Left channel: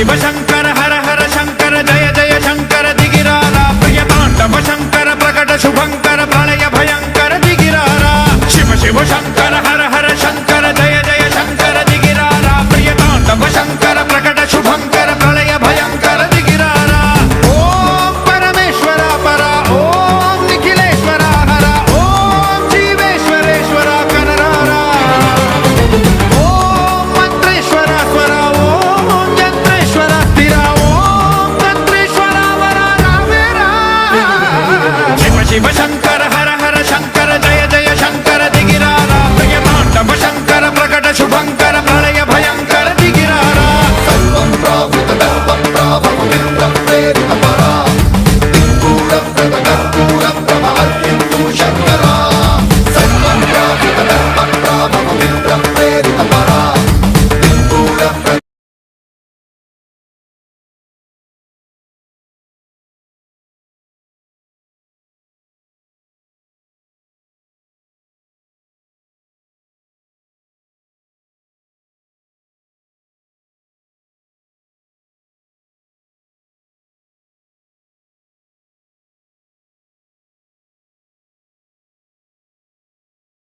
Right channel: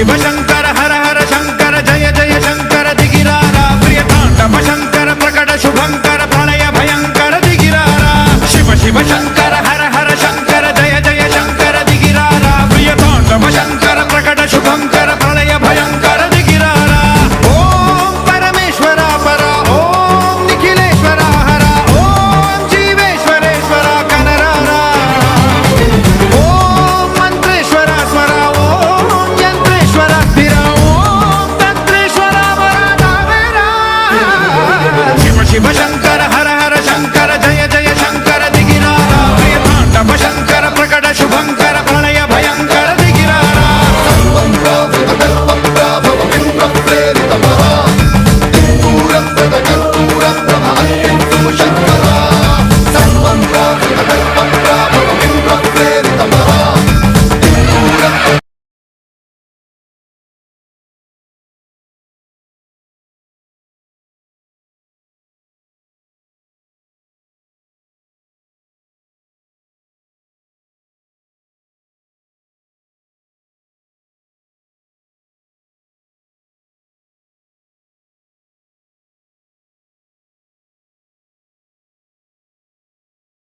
शिव शंकर हर हर शंकर जय जय शंकर दिगिरारा प्रिय तांडव शंकर प्रकट शुभंकर प्रलय भयंकर दिगिरारा शिव शिव शंकर